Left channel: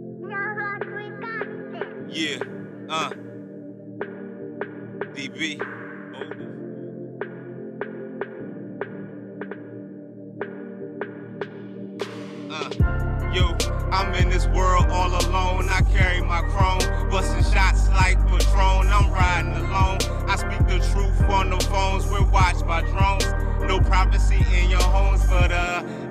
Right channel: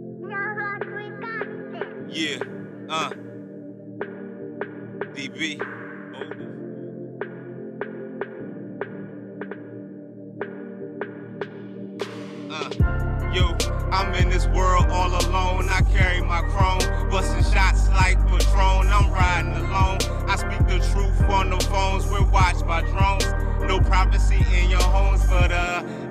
Yeah, DB. Yo, I'm in this world all alone. I carry my chrome, busting shots like Patron. I'm riding alone. I speak the truth on the phones. We're watched by drones. No privacy in your homes, but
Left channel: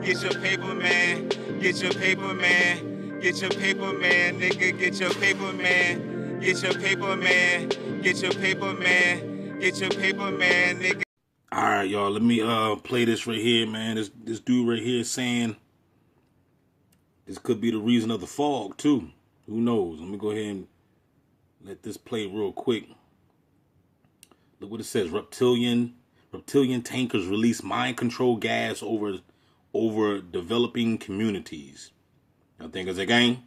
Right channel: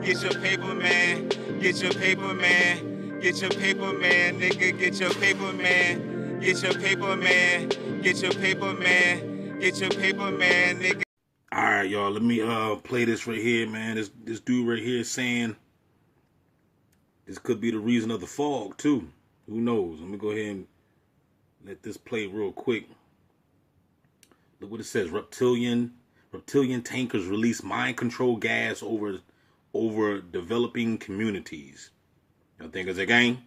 get your paper, man. Get your paper, man. Get your paper, man. Nigga, get your paper, man. Get your paper, man. Get your paper, man. Get your paper, man, nigga. All right, y'all. Let me play this right here, man. This dude right here saying this could be the reason of the fog too. Who knows? Let me go ahead and let this play real quick. Look what it says. Reptilian tankers release mind control gas over developing communities. Y'all think it's a gang?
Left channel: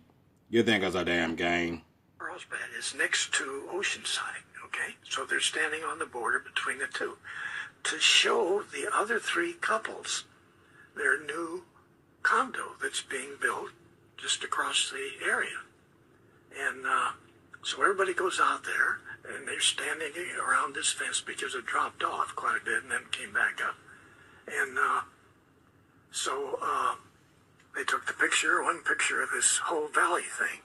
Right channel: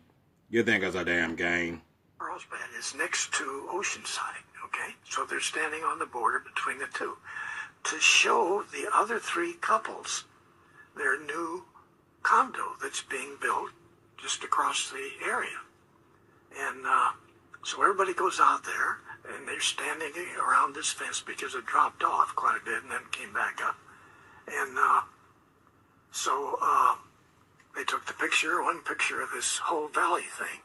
You think it's a damn gang? Carlsbad is next to Oceanside, okay? So they're standing on the border between the two to show the other three couples their new condo that's being built just across the area. And so everybody goes out there, and they're standing around this fence because it dropped off quite a bit and then came back up. And so they took the picture, one picture of this whole valley thing.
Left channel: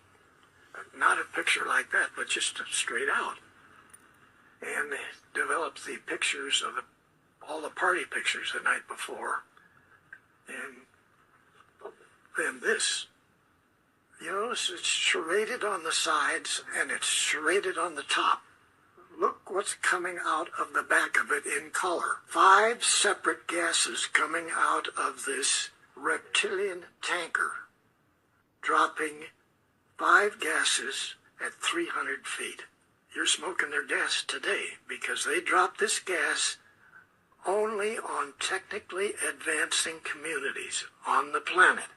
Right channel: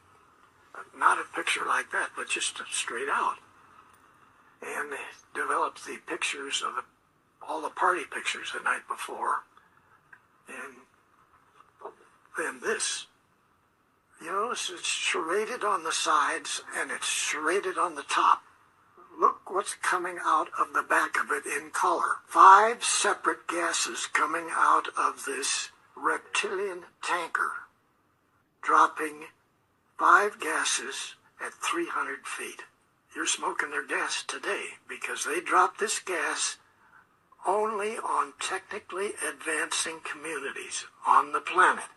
Not a picture like that, but just straight out. And they developed the pictures of all the party pictures the night before. And then this. You notice it's serrated on the sides and it's serrated on the top. Look what's coming out of the back of it in color. 5 separate gases coming out of this reptilian tanker, dropping 5 gases at 300 feet. You're smoking their gas today because they dropped this gas only on technically advancing communities on the planet.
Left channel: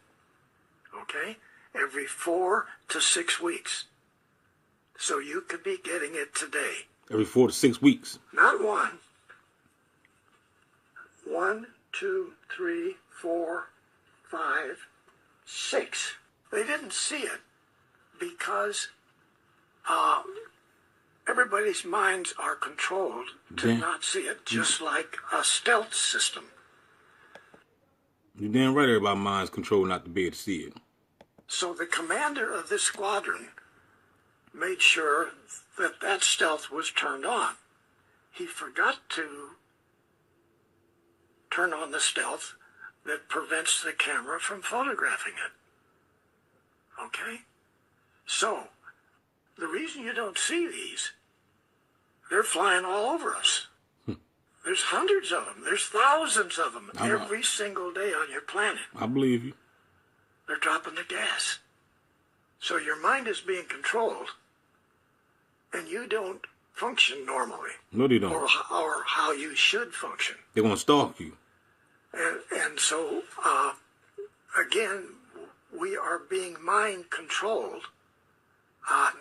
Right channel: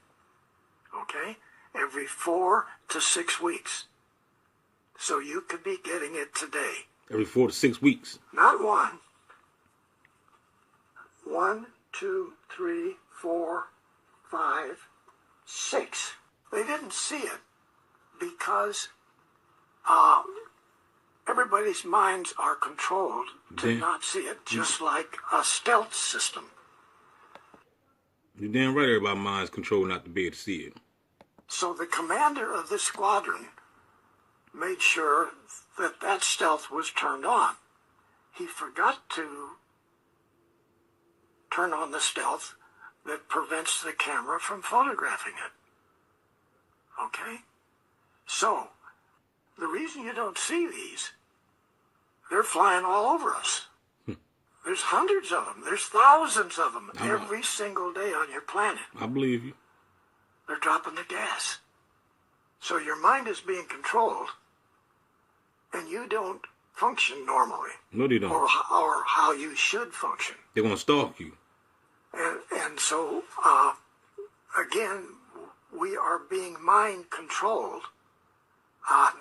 Okay? Every 4 to 6 weeks. So you could be getting it today. Every 4 to 6 weeks. Not one. 1, 2, 3, 4, 5, 6. They didn't see it because everybody's minds are controlled to not see it, just like a stealth system. You're damn right everybody's mind's controlled not to be able to see it. So the commander of this squadron made sure that that stealth was turned on. He forgot to turn on the stealth that prevents the camera from photographing it. Okay? So, the reason you don't see these, they're flying all over us. There's hundreds of them. There's thousands of them every single day on your planet. I believe you. They're dropping the gas. So your mind is being controlled, and you don't function normally. No, they don't. Or how you should function. They're going to stalk you. And so, again, we are being mind controlled,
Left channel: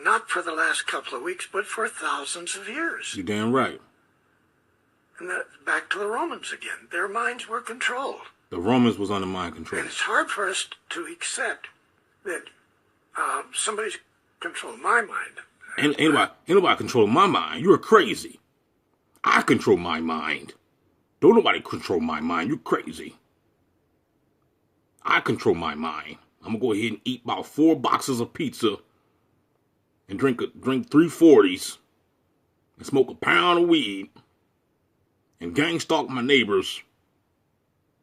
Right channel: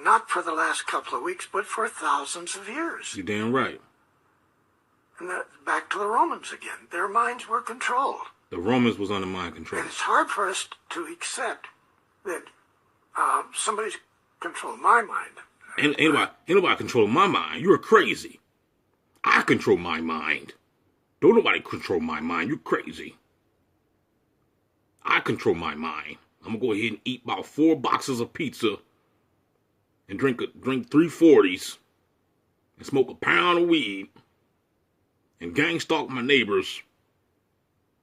not for the last couple of weeks, but for thousands of years. You're damn right. And back to the Romans again. Their minds were controlled. The Romans was under mind control. And it's hard for us to accept that somebody's controlled my mind. Ain't nobody control my mind. You're crazy. I control my mind. Don't nobody control my mind. You're crazy. I control my mind. I'm going to go ahead and eat about 4 boxes of pizza and drink 3 40s and smoke a pound of weed and gang stalk my neighbors.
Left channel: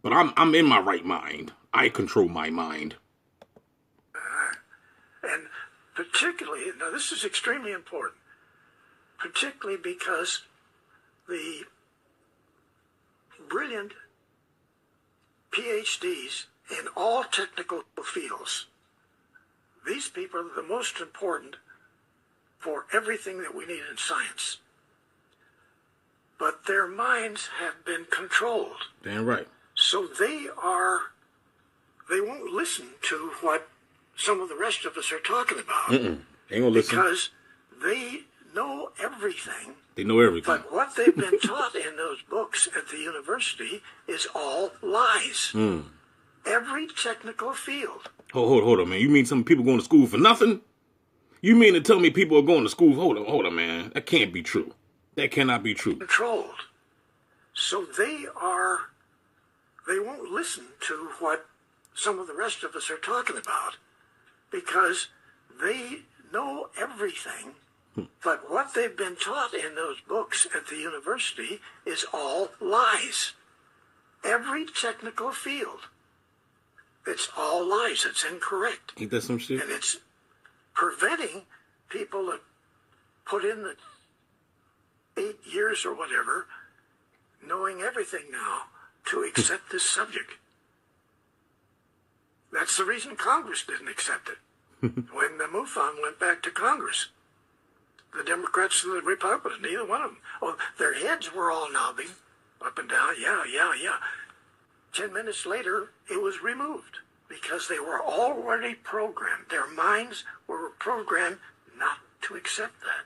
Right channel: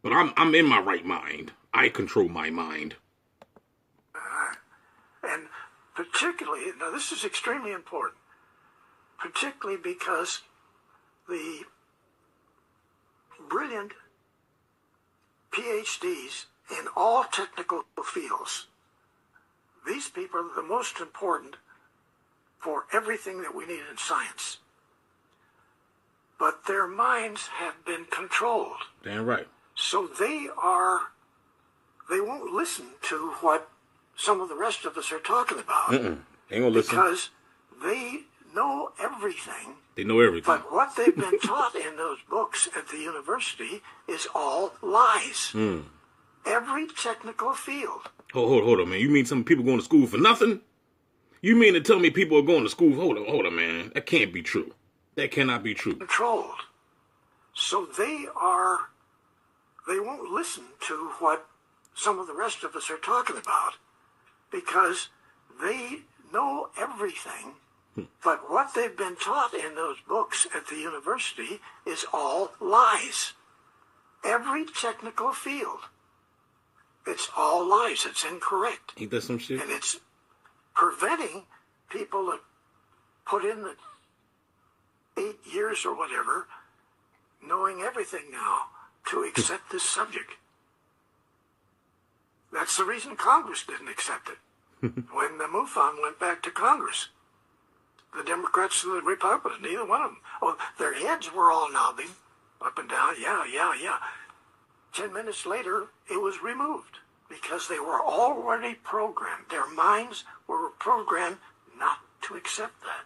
But I'm in my right mind. I control my mind. And particularly, now this is extremely important, particularly because the brilliant PhDs in all technical fields, these people are the most important for everything that we need in science. But their minds have been controlled. Damn right. So they won't listen to what some of the rest of us are talking about. They ain't gonna listen. Because they know everything. They know everything. But what they've been taught in those books at the university is all lies. every technical field. Hold on, man. You mean some people going to school for nothing? You mean to tell me people are going to school? Hold on, man. That can't be true. That cannot be true. Controlled. So they won't listen to what some of the rest of us are talking about because they know everything. But what they've been taught in those books at the university is all lies. Every technical field. It's all lies. It's incorrect. Ain't that some shit? And it's preventing people that put in the 8 years or whatever, knowing everything now, to accept this subject. That's the reason Congress didn't accept it. When the MUFON went back to Congress, the Democrats and the Republicans, neither one of them, well, their heads were all nodding up and down, yeah. 10 minutes later, it was removed because they were already programmed. Their minds were programmed not to accept that.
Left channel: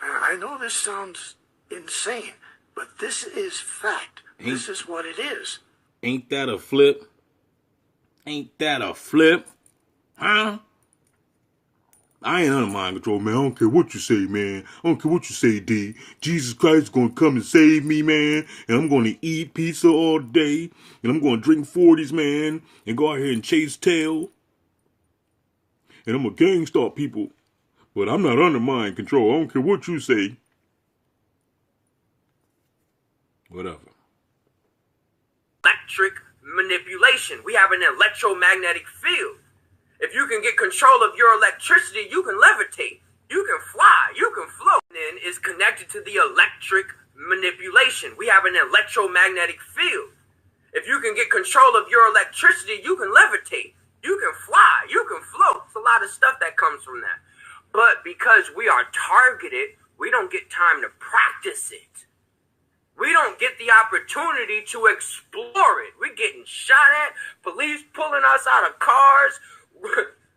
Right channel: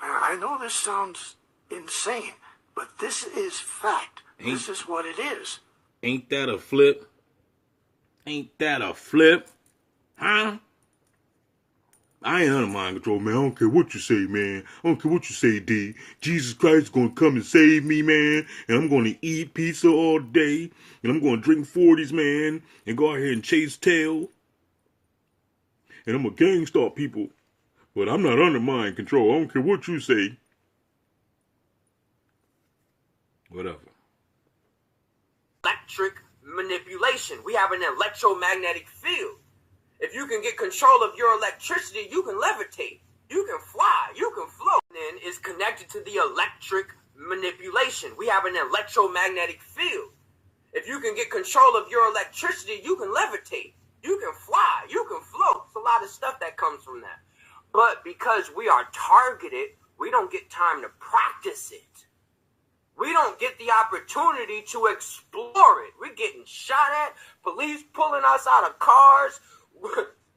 Now, I know this sounds insane, but this is fact. This is what it is. Ain't that a flip? Ain't that a flip? Huh? I ain't under mind control, man. I don't care what you say, man. I don't care what you say, D. Jesus Christ is going to come and save me, man. And I'm going to eat pizza all day. And I'm going to drink 40s, man. And go out here and chase tail. And I'm going to gang stalk people. But I'm not under mind control. I don't care what you say. Whatever. Electric manipulation. We have an electromagnetic field. If you can get control of your electricity, you can levitate, you can fly, you can float. And is connected to the electric manipulation. We have an electromagnetic field. If you can get control of your electricity, you can levitate, you can fly, you can float. It's a lot of stuff that comes from that. But because we are targeted, we don't get time to practice it. We don't get the opportunity to explore it. We're getting shot at, police pulling us out of cars,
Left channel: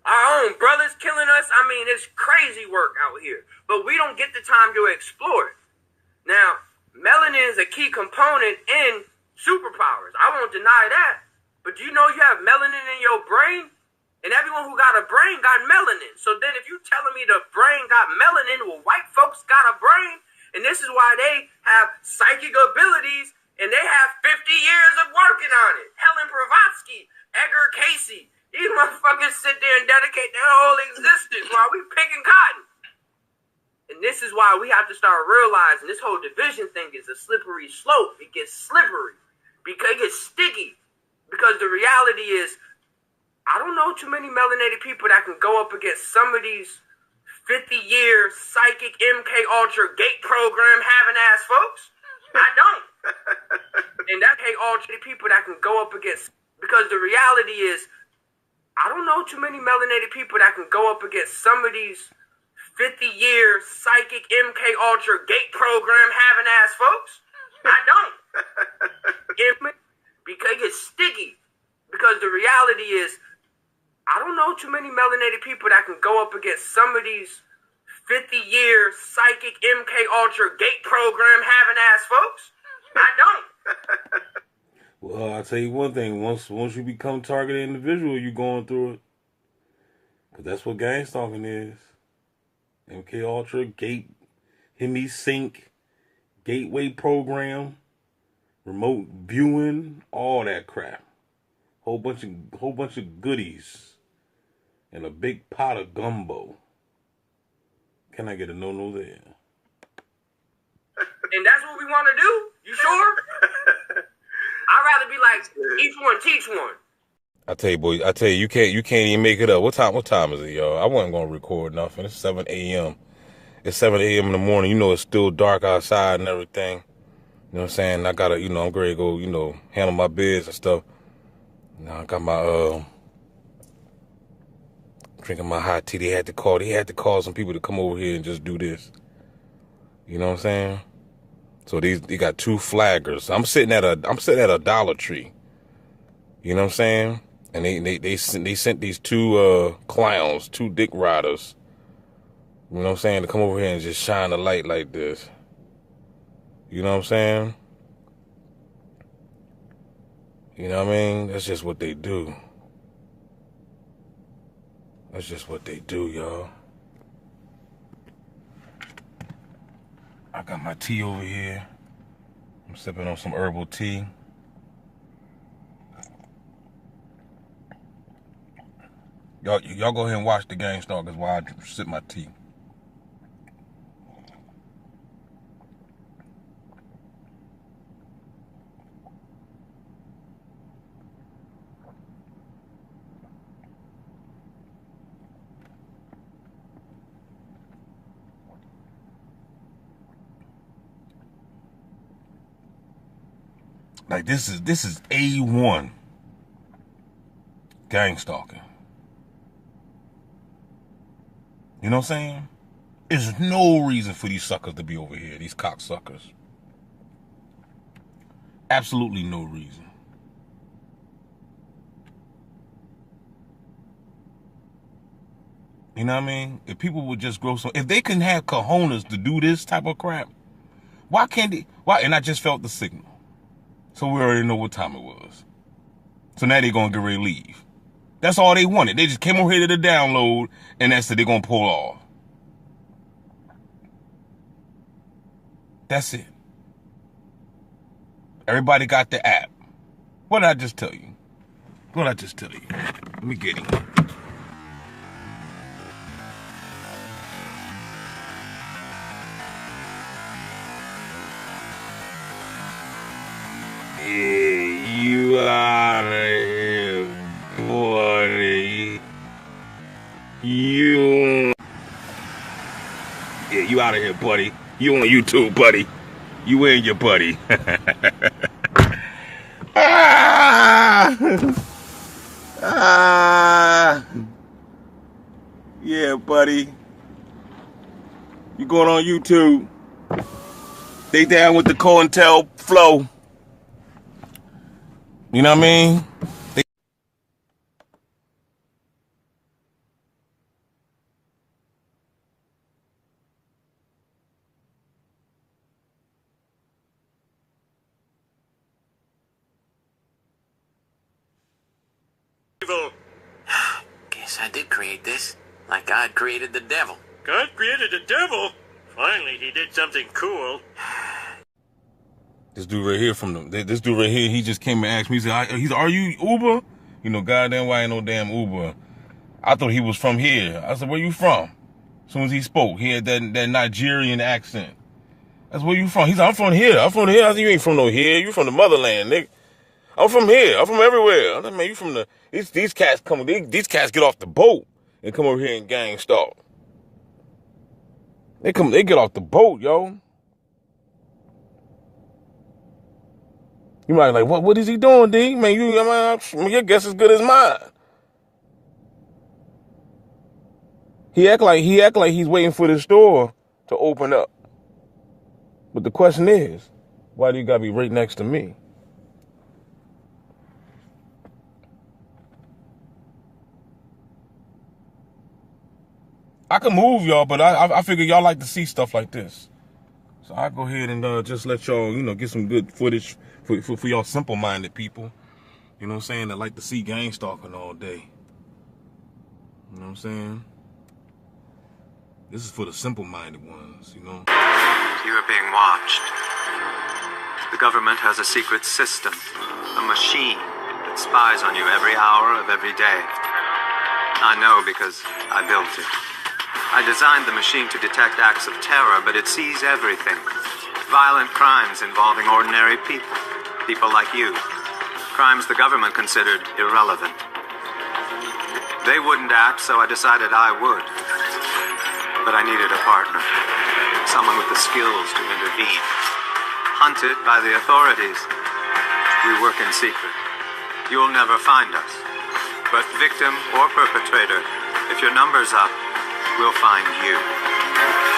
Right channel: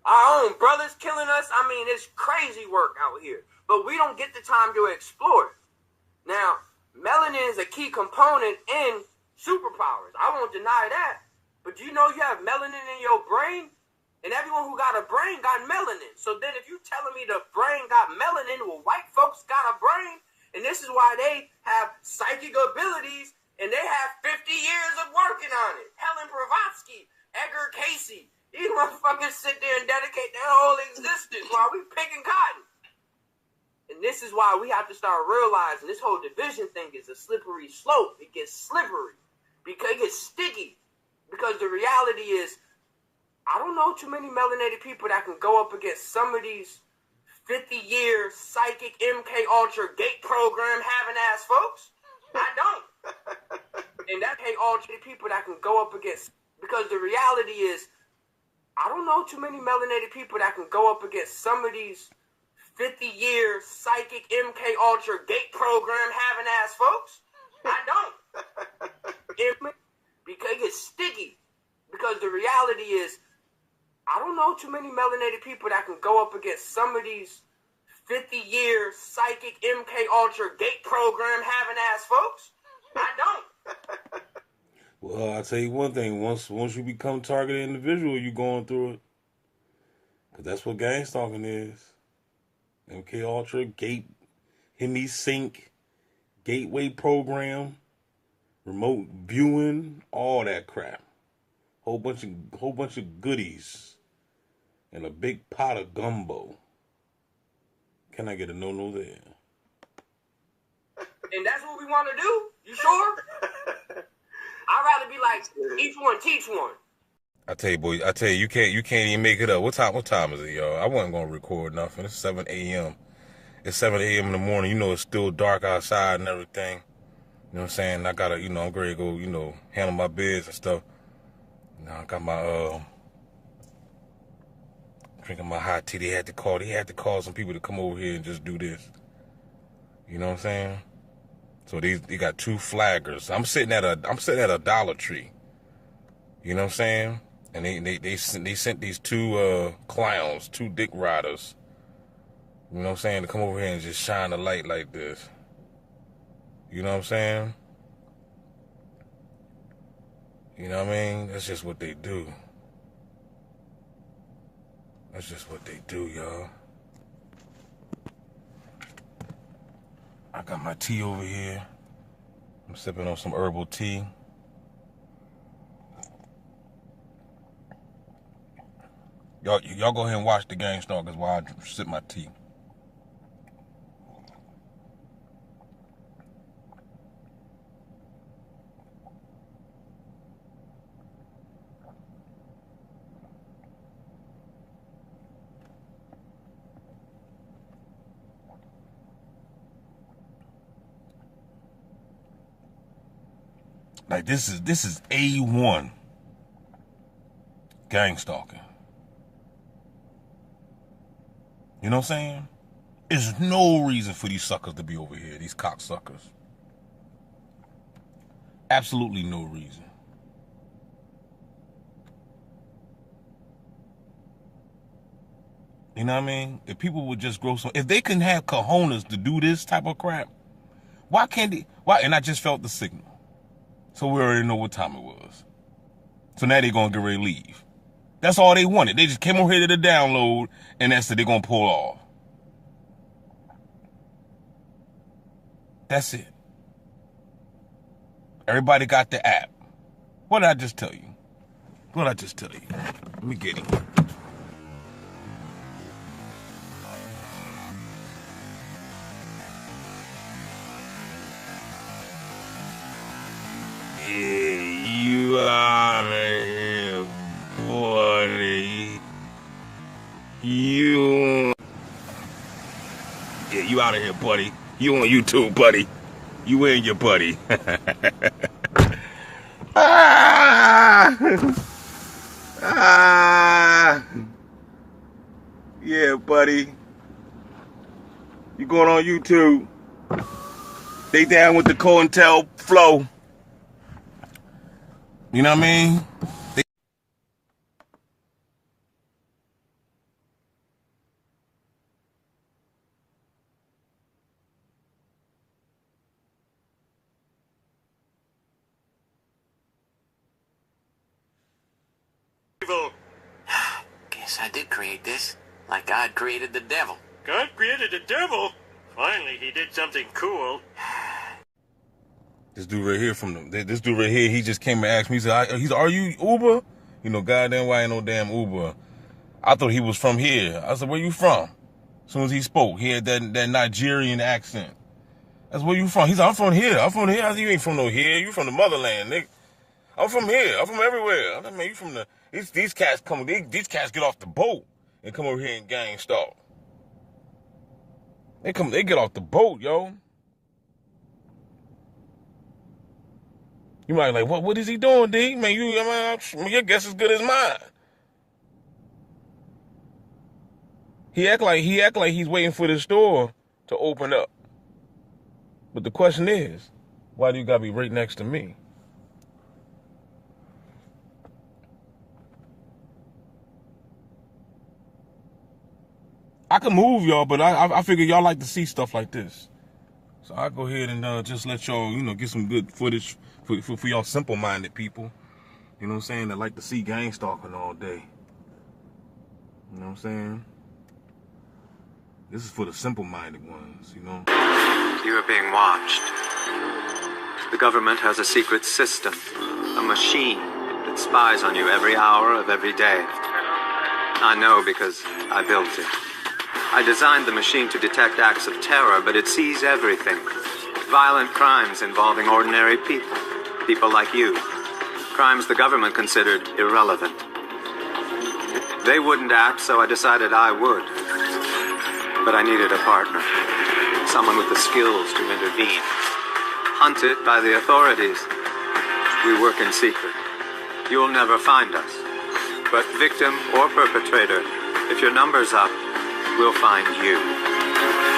our own brothers killing us. I mean, it's crazy work out here. But we don't get the time to explore it. Now, melanin is a key component in superpowers. I won't deny that. But do you know you have melanin in your brain? And everyone who got a brain got melanin. So then if you telling me the brain got melanin, well, white folks got a brain. And this is why they have psychic abilities. And they have 50 years of working on it. Helen Blavatsky, Edgar Casey. These motherfuckers sit there and dedicate their whole existence while we picking cotton. And this is why we have to start realizing this whole division thing is a slippery slope. It gets slippery because it gets sticky. Because the reality is, I don't know too many melanated people that can go up against some of these 50-year psychic MK Ultra gate program having ass folks. I don't. And that MK Ultra people that can go up against, because the reality is, I don't know too many melanated people that can go up against some of these 50-year psychic MK Ultra gate program having ass folks. I don't. Because it gets sticky. Because the reality is, I don't know too many melanated people that can go up against some of these 50-year psychic MK Ultra gate program having ass folks. I don't. Well, I'll tell you one thing. Once you become targeted individual, you're going through it. Because that's what gang stalking is. MK Ultra, gate, Hemi Sync, gateway program, remote viewing, all that crap. Whole bunch of goodies. And a big pot of gumbo. Can I get a no there? And that's what we want to do? You sure? I'd rather be like, each one teach one. I tell you, boy, you can't even make it up. What time is it, y'all? I wasn't gonna record nothing. It's 7 a.m. It's 7 a.m. in the morning. You know it's still dark outside and everything. You know what I'm saying? I gotta, I'm ready to go, handle my biz and stuff. I got my drinking my hot tea. They had to call some people to come over here and just do this. You know what I'm saying? So they got two flaggers. I'm sitting at a Dollar Tree. You know what I'm saying? And they sent these two clowns, two dick riders. You know what I'm saying? To come over here and just shine a light like this. You know what I'm saying? You know what I mean? That's just what they do. That's just what they do, y'all. I got my tea over here. I'm sipping on some herbal tea. Y'all go ahead and watch the game start because while I sip my tea. Like this is A1 gang stalking. You know what I'm saying? There's no reason for these suckers to be over here, these cocksuckers. Absolutely no reason. You know what I mean? If people would just grow some, if they can have cojones to do this type of crap, why can't they? Why? And I just felt the signal. So we already know what time it was. So now they're going to get ready to leave. That's all they wanted. They just came over here to the download, and that's it. They're going to pull off. That's it. Everybody got the app. What did I just tell you? What did I just tell you? Let me get him. You out of here, buddy. You out of here, buddy. You on YouTube, buddy. You and your buddy. Yeah, buddy. You going on YouTube? They down with the COINTEL flow. You know what I mean? Guess I did create this, like God created the devil. God created the devil? Finally, he did something cool. This dude right here this dude right here, he just came and asked me, he said, are you Uber? You know, goddamn why ain't no damn Uber. I thought he was from here. I said, where you from? As soon as he spoke, he had that Nigerian accent. That's where you from? He said, I'm from here. I said, you ain't from no here. You from the motherland, nigga. I'm from here. I'm from everywhere. I said, man, you from the, these cats get off the boat and come over here and gang stalk. They get off the boat, yo. You might be like, what is he doing, D? Man, your guess as good as mine. He act like he's waiting for the store to open up. But the question is, why do you gotta be right next to me? I can move y'all, but I figure y'all like to see stuff like this. So I'll go ahead and just let y'all, get some good footage for y'all simple-minded people. You know what I'm saying? That like to see gang stalking all day. You know what I'm saying? This is for the simple-minded ones, You are being watched. The government has a secret system, a machine that spies on you every hour of every day. I know because I built it. I designed the machine to detect acts of terror, but it sees everything. Violent crimes involving ordinary people like you. Crimes the government considered irrelevant. They wouldn't act, so I decided I would. But I needed a partner. Someone with the skills to intervene. Hunted by the authorities. We work in secret. You'll never find us. But victim or perpetrator, if your number's up, we'll find you.